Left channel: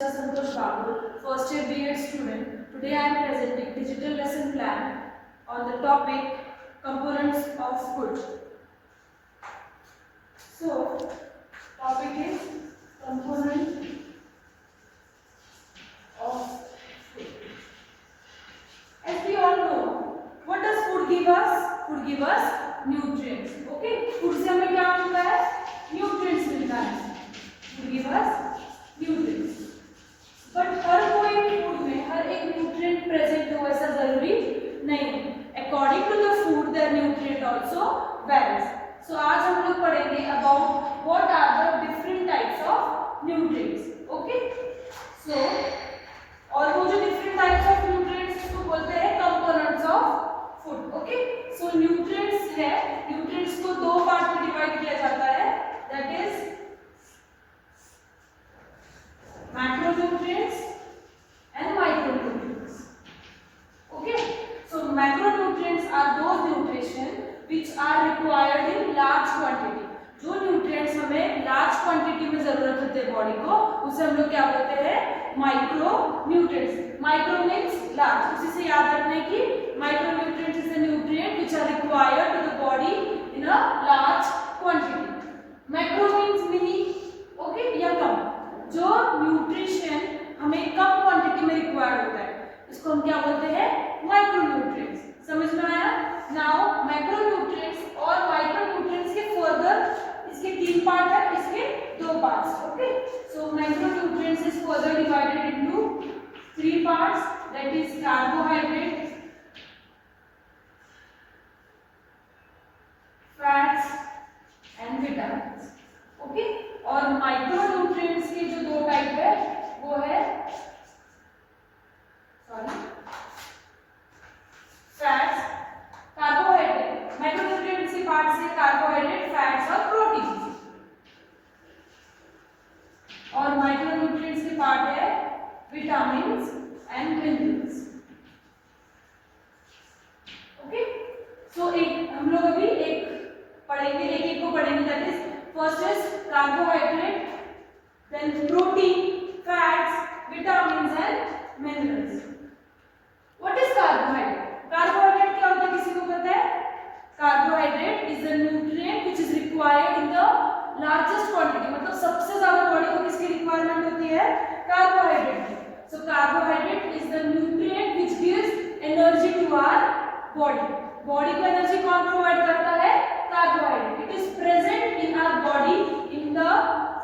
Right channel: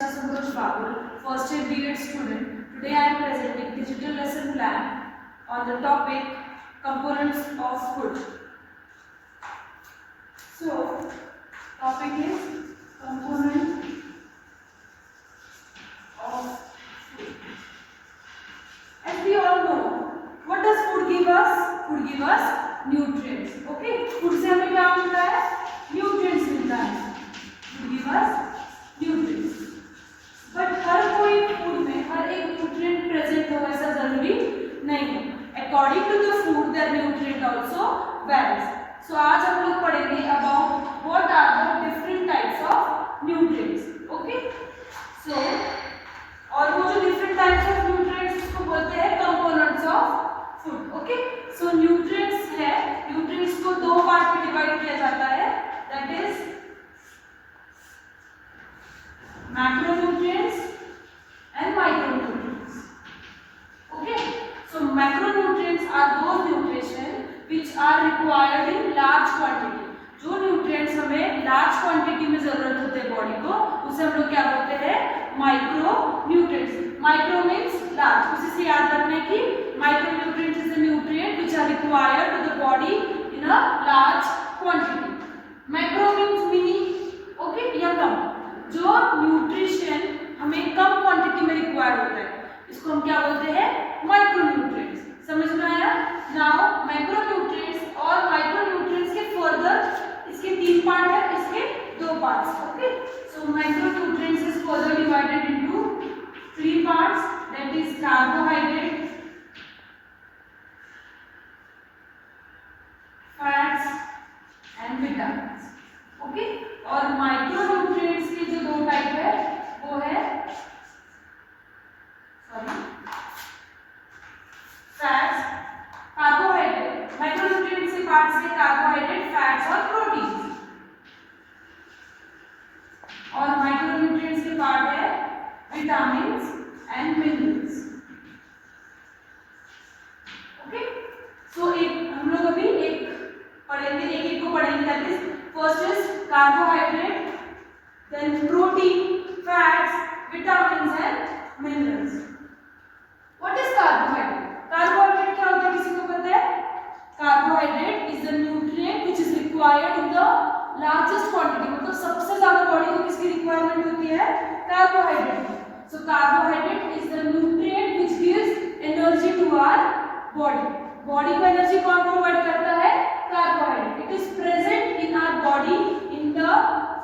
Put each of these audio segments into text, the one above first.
Santosh Babul, first year B.Ed student. Today I am presenting digital lesson plan on the topic components of food. So, topic is component of food. As we all know, what does food give us? Food give us nutrients. Okay, food से हमें क्या मिलता है? Nutrients मिलता है. Food give us nutrients. But हर कोई food में हर एक न्यूट्रिएंट प्रेजेंट हो ऐसा जरूरी नहीं है. According to the food there nutrient also varies. So आज हम लोग पढ़ेंगे about what are the different types of nutrients. Okay, so और वो जो डिफरेंट टाइप्स ऑफ न्यूट्रिएंट्स उसको बोलते हैं components of food. Okay, so nutrients है, न्यूट्रिएंट्स को दो पार्ट में डिवाइड किया जाता है, that is macronutrients and micronutrients. Okay, so macronutrients are those nutrition which are required in large quantity. जो nutrients हमें large quantity में जरूरत होते हैं बॉडी को, उसे हम लोग क्या बोलते हैं? Micronutrients. Micro means large. उसी से याद रखना है कि micronutrients is a nutrient which are required to the body in a large quantity. Macro means mini. Okay, या कम. जो न्यूट्रिशन हमें कम क्वांटिटी में रिक्वायर्ड होता है, इसको हम क्या बोलते हैं? माइक्रोन्यूट्रिएंट्स. समझ में आया? नाउ माइक्रोन्यूट्रिएंट्स और माइक्रोन्यूट्रिएंट्स के फर्दर इसके तीन पार्ट है, इसके दो parts. Okay, so micronutrients is further divided into three parts, that is carbohydrate, fats and vitamins. Okay, और माइक्रोन्यूट्रिएंट्स के जो दो टाइप है वो है फैट्स, कार्बोहाइड्रेट. माइक्रोन्यूट्रिएंट्स के पार्ट्स है कार्बोहाइड्रेट, फैट्स और प्रोटीन. और माइक्रोन्यूट्रिएंट्स के पार्ट है विटामिन्स एंड मिनरल्स. ओके, सो एक हम लोग अभी एक पढ़ेंगे, एक एक को पढ़ेंगे. That is first is carbohydrate, then protein, fats, vitamins and minerals. What is carbohydrate? Carbohydrate क्या होता है, किसी को पता है? Carbohydrate is the nutrient which is required in the largest quantity. मतलब सबसे ज्यादा बॉडी को किसकी रिक्वायरमेंट होती है? Carbohydrate. So carbohydrate is the nutrient which gives energy to our body. Body को एनर्जी कौन प्रोवाइड करता है? Carbohydrate. It is present in our body in the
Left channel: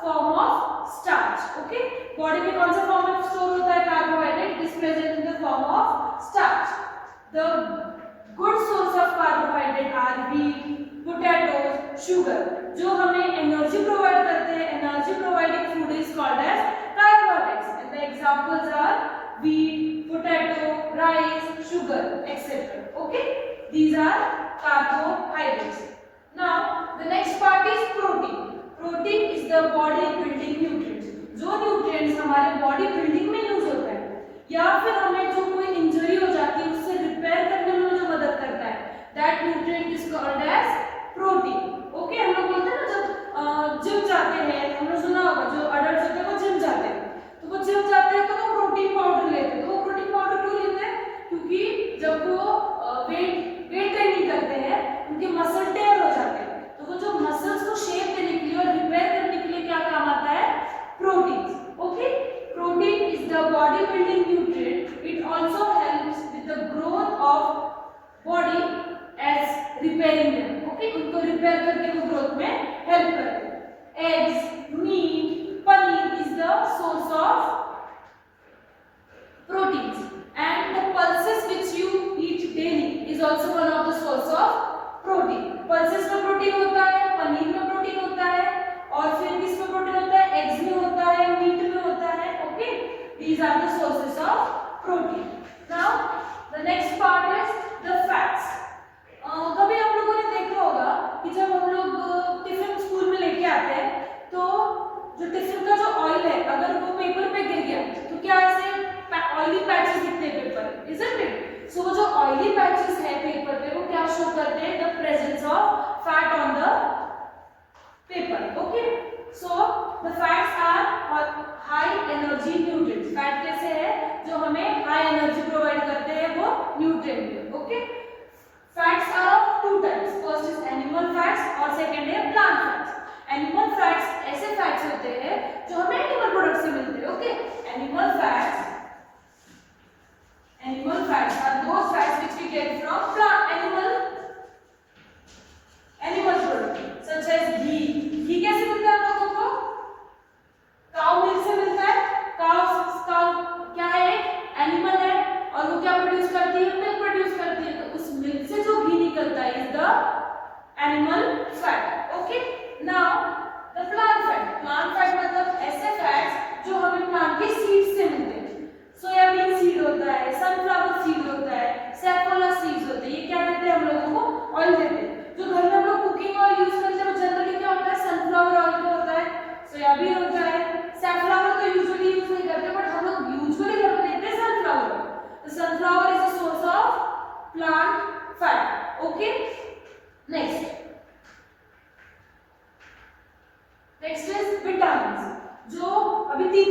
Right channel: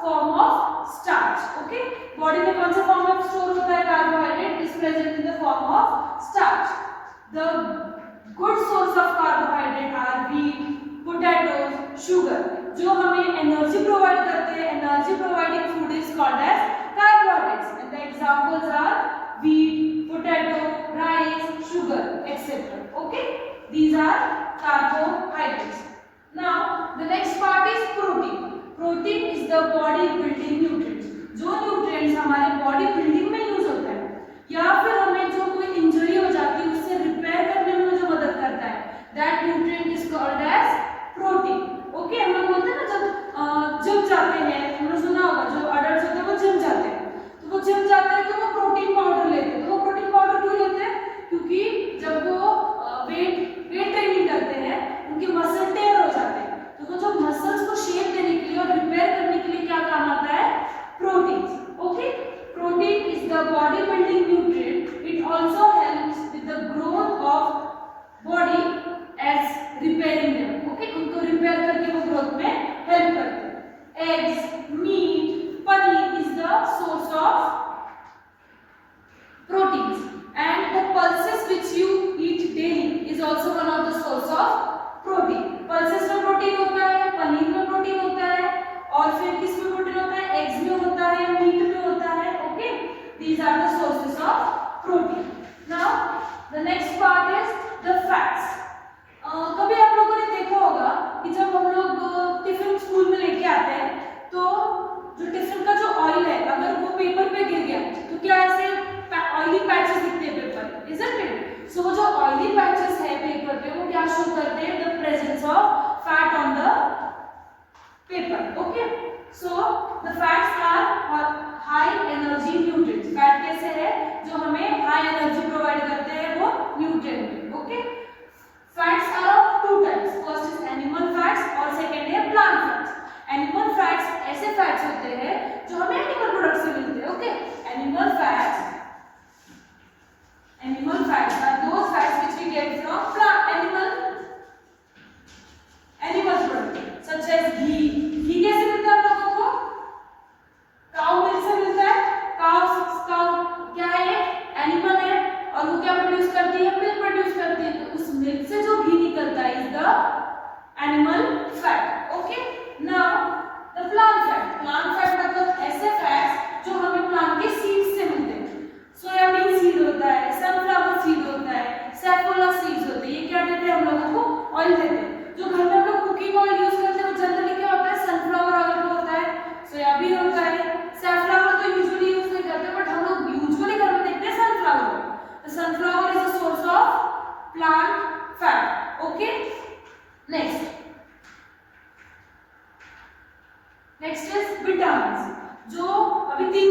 form of starch. Okay, body में कौन सा फॉर्म में स्टोर होता है carbohydrate? It is present in the form of starch. The good source of carbohydrate are wheat, potatoes, sugar. जो हमें energy provide करते हैं, energy providing food is called as carbohydrates. And the examples are wheat, potato, rice, sugar etcetera. Okay, these are carbohydrates. Now the next part is protein. Protein is the body building nutrients. जो nutrients हमारे body building में use होता है या फिर हमें जो कोई इंजरी हो जाती है उससे रिपेयर करने में जो मदद करता है, that nutrient is called as protein. Okay, हम लोग बोलते हैं ना जब जिम जाते हैं, हमने सुना होगा जो अडल्ट होते हैं वो जिम जाते हैं, तो वो जिम जाते हैं तो वो प्रोटीन पाउडर लेते हैं. तो वो प्रोटीन पाउडर क्यों लेते हैं? क्योंकि जब वो वेट ट्रेनिंग करते हैं उनके मसल टेयर हो जाते हैं, तो वो जो मसल्स को शेप देने के लिए और रिपेयर करने के लिए क्या काम आता है? Protein. Okay, protein is the body building nutrient. It also helps with the growth of body as repairing them. Okay, उनको रिपेयर करके वो ग्रोथ में हेल्प करते हैं. Eggs, meat, paneer is the source of proteins, and the pulses which you eat daily is also one of the source of protein. pulses में protein होता है, पनीर में प्रोटीन होता है, और फिर किस में प्रोटीन होता है? एग्स में होता है, मीट में होता है. Okay, these are the sources of protein. now the next part is the fats. कभी आप लोगों ने देखा होगा कि जब हम लोग टिफिन स्कूल में लेके आते हैं तो जो टिफिन का जो ऑयल है अगर वो पेपर पे गिर गया तो क्या ऐसे ऑयली पैचेस दिखते हैं पेपर, isn't it? So जो ऑयली पैचेस है पेपर पे वो क्या शो करते हैं? The presence of fat on the paper. Okay, so the fats are high energy nutrients. Okay, next is vitamin. जो अभी तीन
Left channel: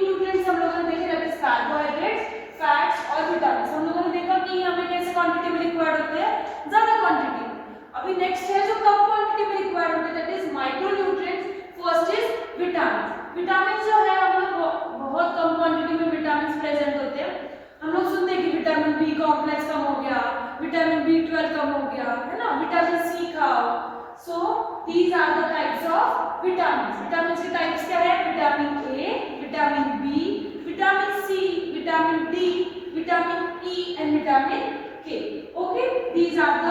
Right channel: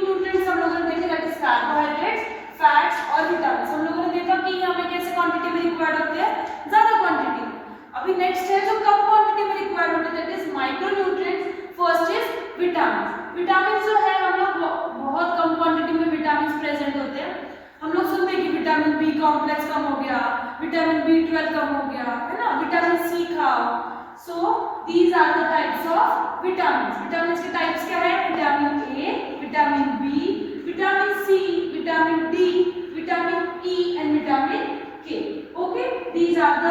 न्यूट्रिएंट्स हम लोगों ने देखे, दैट इज कार्बोहाइड्रेट्स, फैट्स और विटामिन। हम लोगों ने देखा कि यहाँ पे कैसे क्वांटिटी में रिक्वायर्ड होते हैं, ज्यादा क्वांटिटी में। अभी नेक्स्ट है जो कम क्वांटिटी में रिक्वायर्ड होते हैं, that is micronutrients. First is vitamin. Vitamin जो है हम लोग बहुत कम क्वांटिटी में विटामिन प्रेजेंट होते हैं। हम लोग सुनते हैं कि विटामिन बी कॉम्प्लेक्स कम हो गया, विटामिन B12 कम हो गया, है ना, विटामिन सी खाओ। So these are the types of vitamin. Vitamin के टाइप्स क्या है? Vitamin A, vitamin B, vitamin C, vitamin D, vitamin E and vitamin K. Okay, these are the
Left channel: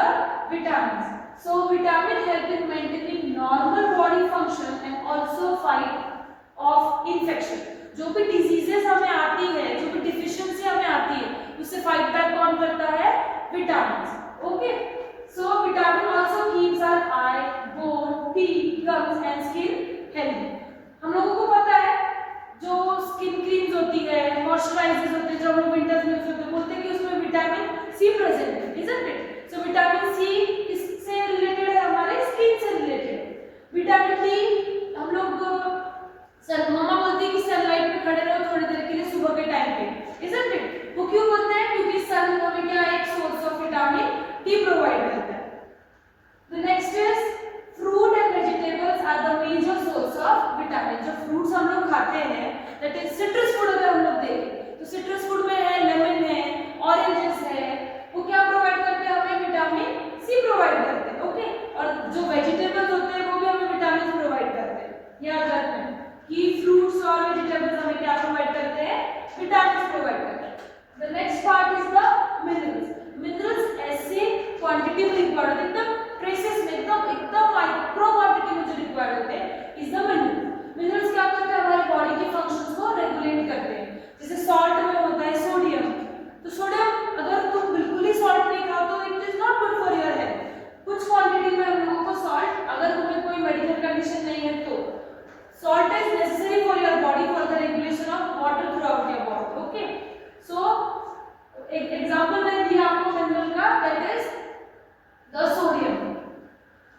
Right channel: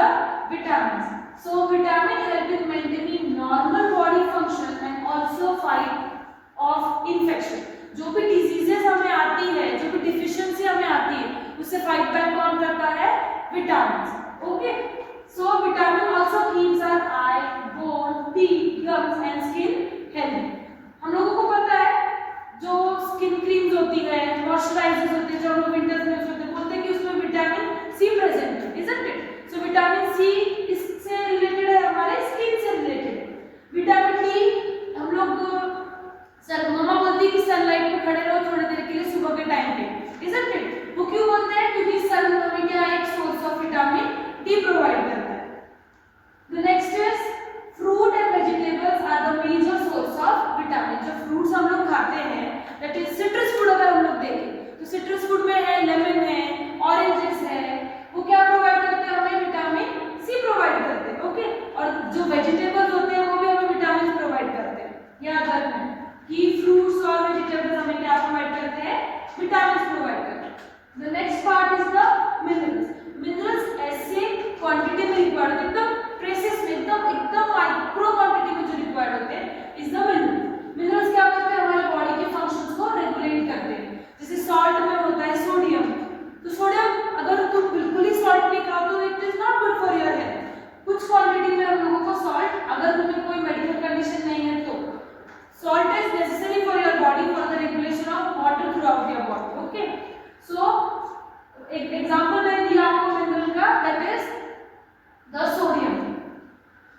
vitamins. So vitamin help in maintaining normal body function and also fight off infection. जो भी diseases हमें आती है, जो भी deficiency हमें आती है, उससे फाइट बैक कौन करता है? Vitamin. Okay, so vitamin also keeps our eye, bone, teeth, gums and skin healthy. हम लोगों को पता है जो स्किन क्रीम्स होती है, मॉइस्चराइजर्स होते हैं, जो हम लोग विंटर्स में यूज करते हैं, बोलते हैं कि उसमें विटामिन सी प्रेजेंट है, isn't it? So vitamin c इससे रिलेटेड है, हमारे स्किन से रिलेटेड है। विटामिन डी हम लोग मम्मा बोलती है कि सनलाइट में खड़े रहो थोड़ी देर के लिए सुबह के टाइम पे, इजंट इट? वो क्यों बोलते हैं? क्योंकि सन हमें क्या एक source of vitamin d provide करता है। The next is fruit and vegetables are the major source of vitamin. जो फ्रूट्स हम लोग खाते हैं, दैट इज सिट्रस फूड। अगर हम लोग देखें तो सिट्रस फूड में है लेमन है, ऑरेंजेस है, वो क्या प्रोवाइड करते हैं हमें? विटामिन सी प्रोवाइड करते हैं। ओके, और जो वेजिटेबल्स होते हैं वो भी हमें विटामिन प्रोवाइड करते हैं। याद रखना कि फ्रूट्स और वेजिटेबल्स हमें क्या प्रोवाइड करते हैं? विटामिन प्रोवाइड करते हैं। The next part is the minerals. Minerals ऐसे क्वांटिटी में रिक्वायर्ड होते हैं, एकदम ट्रेसेस में, एकदम माइक्रो क्वांटिटी में जो रिक्वायर्ड होते हैं इज द मिनरल्स। मिनरल्स क्या करते हैं? हमारे बॉडी के फंक्शंस को रेगुलेट करते हैं। जैसे सॉल्ट में होता है सोडियम, तो सोडियम अगर तुम बिल्कुल ही सॉल्ट नहीं खाओ तो it is not good for your health. कुछ क्वांटिटी में हम लोगों को सॉल्ट, अगर तुम्हें कोई मेडिकल कंडीशन नहीं है तो salt is necessary for your body for the regulation of water throughout your body. Okay, so एक एग्जांपल मैंने दिया आपको मिनरल का, that is the sodium.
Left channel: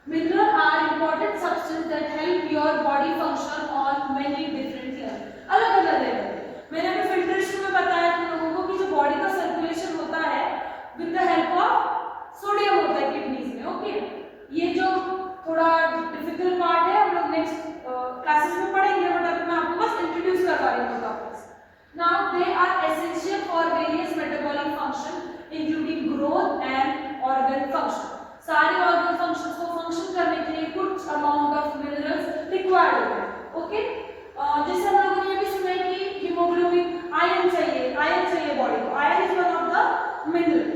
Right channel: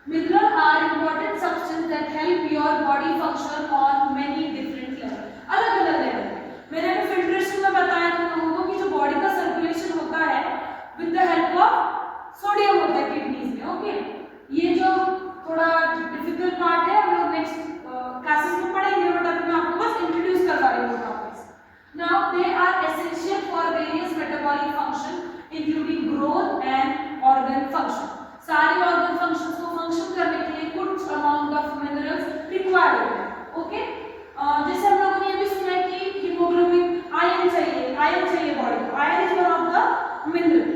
Mineral are important substance that help your body function on many different levels. अलग अलग level. मैंने अभी filtration में बताया तुम लोगों को कि जो बॉडी का सर्कुलेशन होता है with the help of sodium होता है किडनीज में। ओके, ये जो थोड़ा डिफिकल्ट पार्ट है हम लोग नेक्स्ट क्लासेस में पढ़ेंगे, बट अभी मैं आपको बस इंट्रोड्यूस करवा रही हूँ topics. Now they are essential for various metabolic function including growth and organ function. सारे ऑर्गन फंक्शंस को फंक्शन करने के लिए कुछ अमाउंट ऑफ मिनरल्स रिक्वायर्ड होते हैं। ओके, जैसे हम लोगों ने ये भी सुना है कि हीमोग्लोबिन, आयरन चाहिए बॉडी को। Iron is one of the mineral.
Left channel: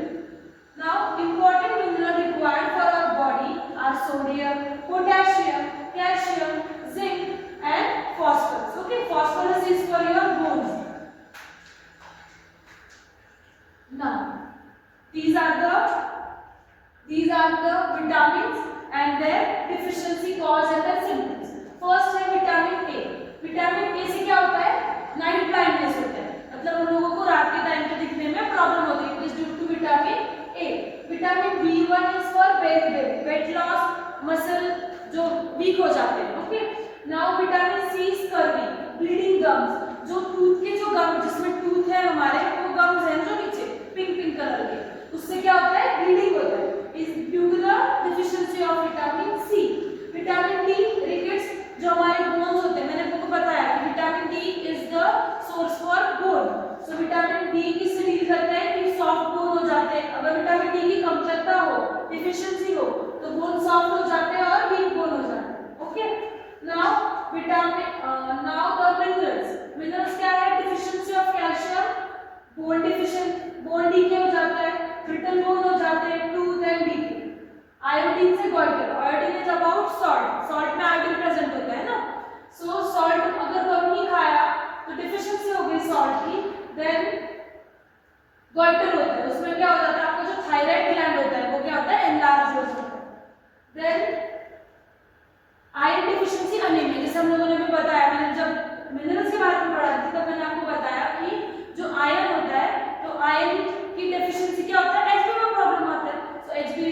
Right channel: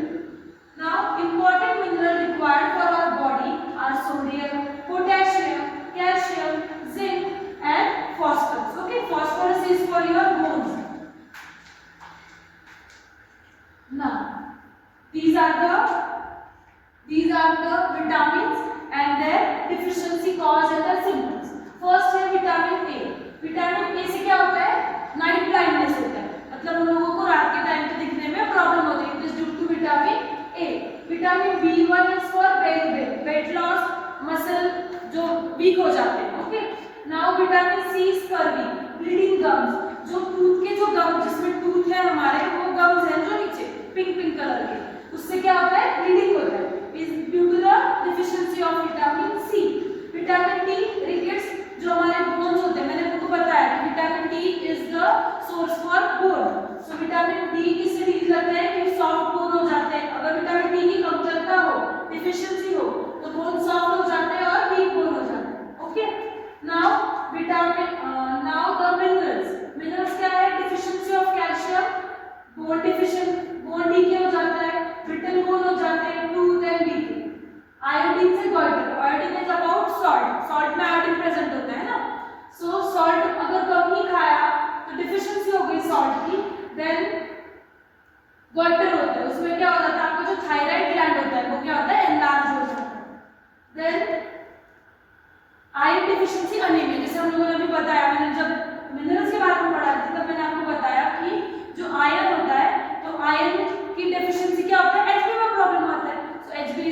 Now important mineral required for our body are sodium, potassium, calcium, zinc and phosphorus. Okay, phosphorus is for your bones. Now these are the vitamins and their deficiency cause and their symptoms. First है vitamin A. Vitamin A से क्या होता है? Night blindness होता है, मतलब उन लोगों को रात के टाइम पे दिखने में प्रॉब्लम होती है। It is due to vitamin A. Vitamin B1 is for weight loss, muscle जो वीक हो जाते हैं। Okay, now vitamin C is curvy, bleeding gums, जो टूथ के जो गम, जिसमें टूथ है हमारे, वो गम्स हैं जो नीचे पिंक कलर के, उससे क्या होता है? ब्लीडिंग होता है, is due to the deficiency of vitamin C. Vitamin D rickets, जो हमारे बोन्स होते हैं, मैंने आपको बताया कि vitamin D is the source for bone. So vitamin D किससे डील करते हैं? कि सॉफ्ट बोन हो जाते हैं। अगर विटामिन D की कमतरता हो, डिफिशिएंसी हो, तो बोन सॉफ्ट हो जाते हैं और वीक बोन हो जाते हैं। ओके, नाउ द मिनरल्स क्या है? Deficiency of calcium, bone deficient, bone decay हो जाता है, ब्रिटल बोन हो जाते हैं, टूथ एंड डीके। आयोडीन से goitre, iodine is about salt, salt में आयोडीन प्रेजेंट होता है ना। सो सॉल्ट अगर कम ही खाया तो डिफिशिएंसी हो गई सॉल्ट की, देन गॉइटर होता है, उसमें क्या हो जाता है? आपका जो थायराइड ग्लैंड होता है वो क्या होता है? एनलार्ज हो जाता है। देन आयरन डिफिशिएंसी, अनीमिया, जैसे हम लोगों ने भी बताया, मैंने जब मिनरल्स के बारे में पढ़ा था तब मैंने आपको बताया कि जो आयरन होता है, तो आयरन की डेफिशिएंसी क्या होता है? एचबी में प्रॉब्लम आता है। सो एचबी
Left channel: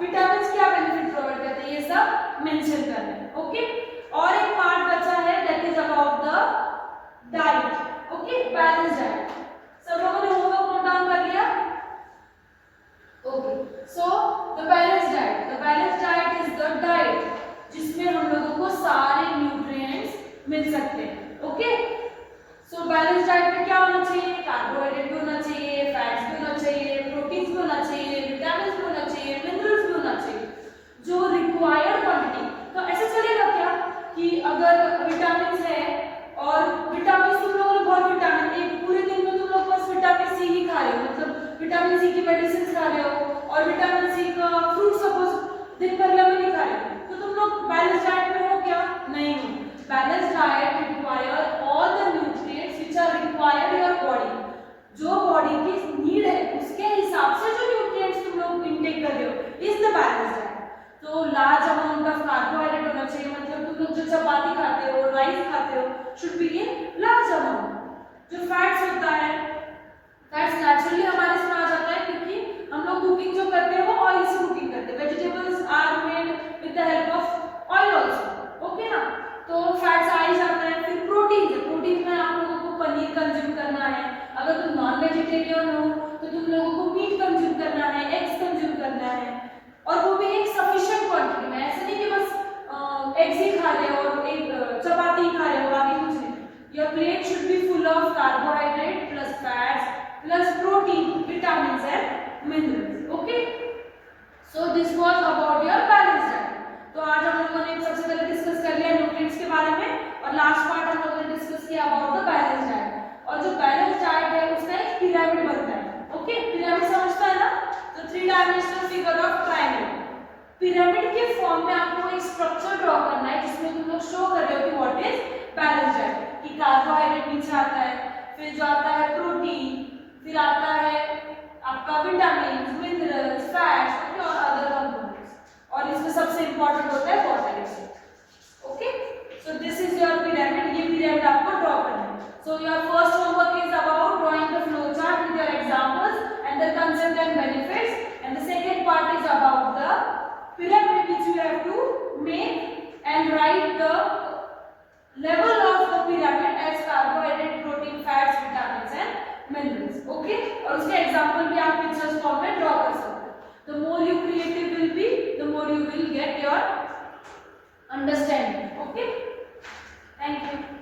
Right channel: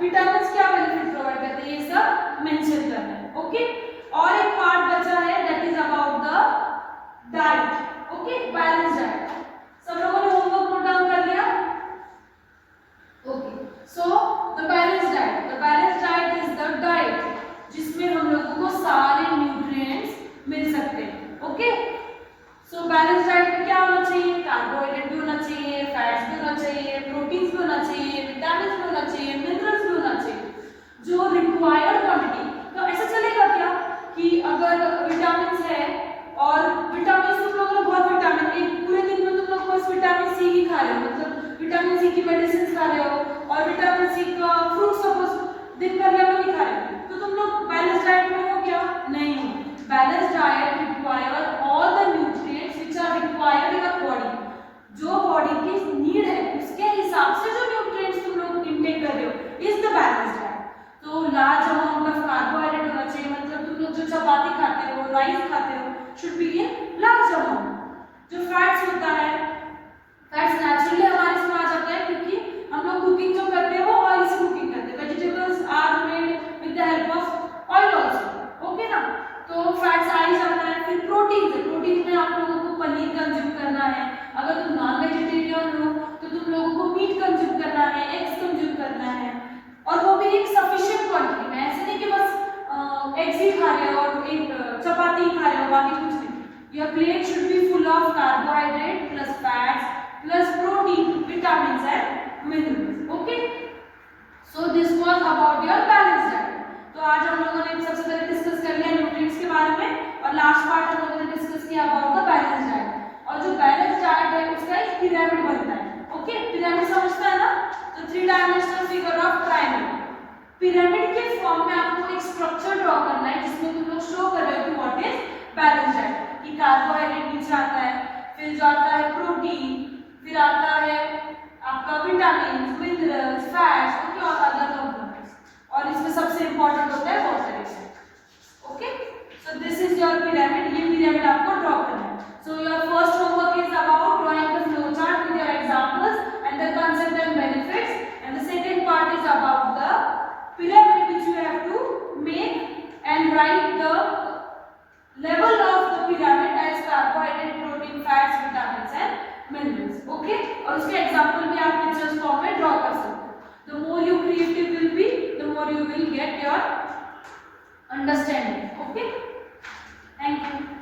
विटामिन क्या बेनिफिट प्रोवाइड करते हैं, ये सब मेंशन करना है। ओके, और एक पार्ट बचा है that is about the diet. Okay, balance diet. सब लोगों ने होमवर्क नोट डाउन कर लिया? Okay, so the balance diet is the diet जिसमें हम लोगों को सारे न्यूट्रिएंट्स मिल सकते हैं। ओके, सो बैलेंस डाइट में क्या होना चाहिए? कार्बोहाइड्रेट भी होना चाहिए, फैट्स भी होना चाहिए, प्रोटीन्स भी होना चाहिए, विटामिन भी होना चाहिए, मिनरल्स भी होना चाहिए, जो रिक्वायर्ड क्वांटिटी। तो ऐसे चलेगा क्या कि अगर विटामिन है और विटामिन तुम लोगों ने बहुत विटामिन, एक पूरे दिन में तुम लोग बस विटामिन सी ही खा रहे हो, मतलब विटामिन सी की मेडिसिन खा रहे हो और विटामिन सी का फ्रूट सपोज दिन भर में नहीं खा रहे हो, तो तुम लोग बैलेंस डाइट में हो क्या? नहीं हो। Balance diet require all the nutrients which are required your body, जो बॉडी की नीड है उसके हिसाब से जो न्यूट्रिएंट्स तुम लोग इनटेक कर रहे हो इज द बैलेंस डाइट। तो लार्ज अमाउंट ऑफ कार्बोहाइड्रेट होना चाहिए, मतलब तुम लोग जो चपाती खाते हो, राइस खाते हो, should be in large amount. जो फैट्स होता है, फैट्स नेचुरली हमारे इसमें आ जाता है क्योंकि हम लोग कुकिंग जो करते हैं वो ऑयल से कुकिंग करते हैं। Vegetables are made with the help of oil also. Okay ना, तो फैट्स आ ही जाता है। फिर प्रोटीन है, प्रोटीन में आप लोगों को पनीर कंज्यूम करना है, अगर तुम नॉन वेजिटेरियन हो तो तुम लोगों को मीट कंज्यूम करना है, एग्स कंज्यूम करना है, और वो भी एक सफिशिएंट क्वांटिटी में। ऐसे नहीं कि बस एग्स ही खा रहे हो और एक चपाती ही खा रहे हो, बाकी कुछ नहीं। Your plate should be full of carbohydrate plus fats plus protein, vitamins and minerals. Okay, so this was about your balance diet. तो आज हम लोगों ने सबसे पहले डिस्कस कर लिया न्यूट्रिएंट्स के बारे में, और लास्ट पार्ट हम लोगों ने डिस्कस किया अबाउट द बैलेंस डाइट। और जो बैलेंस डाइट है उसका एक पिरामिड बनता है। ओके, पिरामिड समझता है ना? तो 3 dimensional figure of triangle, pyramid के फॉर्म में आपको एक स्ट्रक्चर ड्रॉ करना है जिसमें तुम लोग शो कर रहे हो कि व्हाट इज बैलेंस डाइट। कि कार्बोहाइड्रेट नीचे आता है, फिर जो आता है प्रोटीन, फिर आता है आपका विटामिन, मिनरल्स, फैट्स और अदर कंपोनेंट्स, और इसमें सबसे इंपॉर्टेंट होता है water. Okay, so this is your pyramid. ये पिरामिड आपको ड्रॉ करना है। So your first homework is about drawing the flow chart with your examples and the concept and benefits, and the second part is about the pyramid which you have to make and write the level of the pyramid as carbohydrate, protein, fats, vitamins and minerals. Okay, और उसके example भी आप pictures form में draw कर सकते हो। The more you creative will be, the more you will get your understanding. Okay, thank you.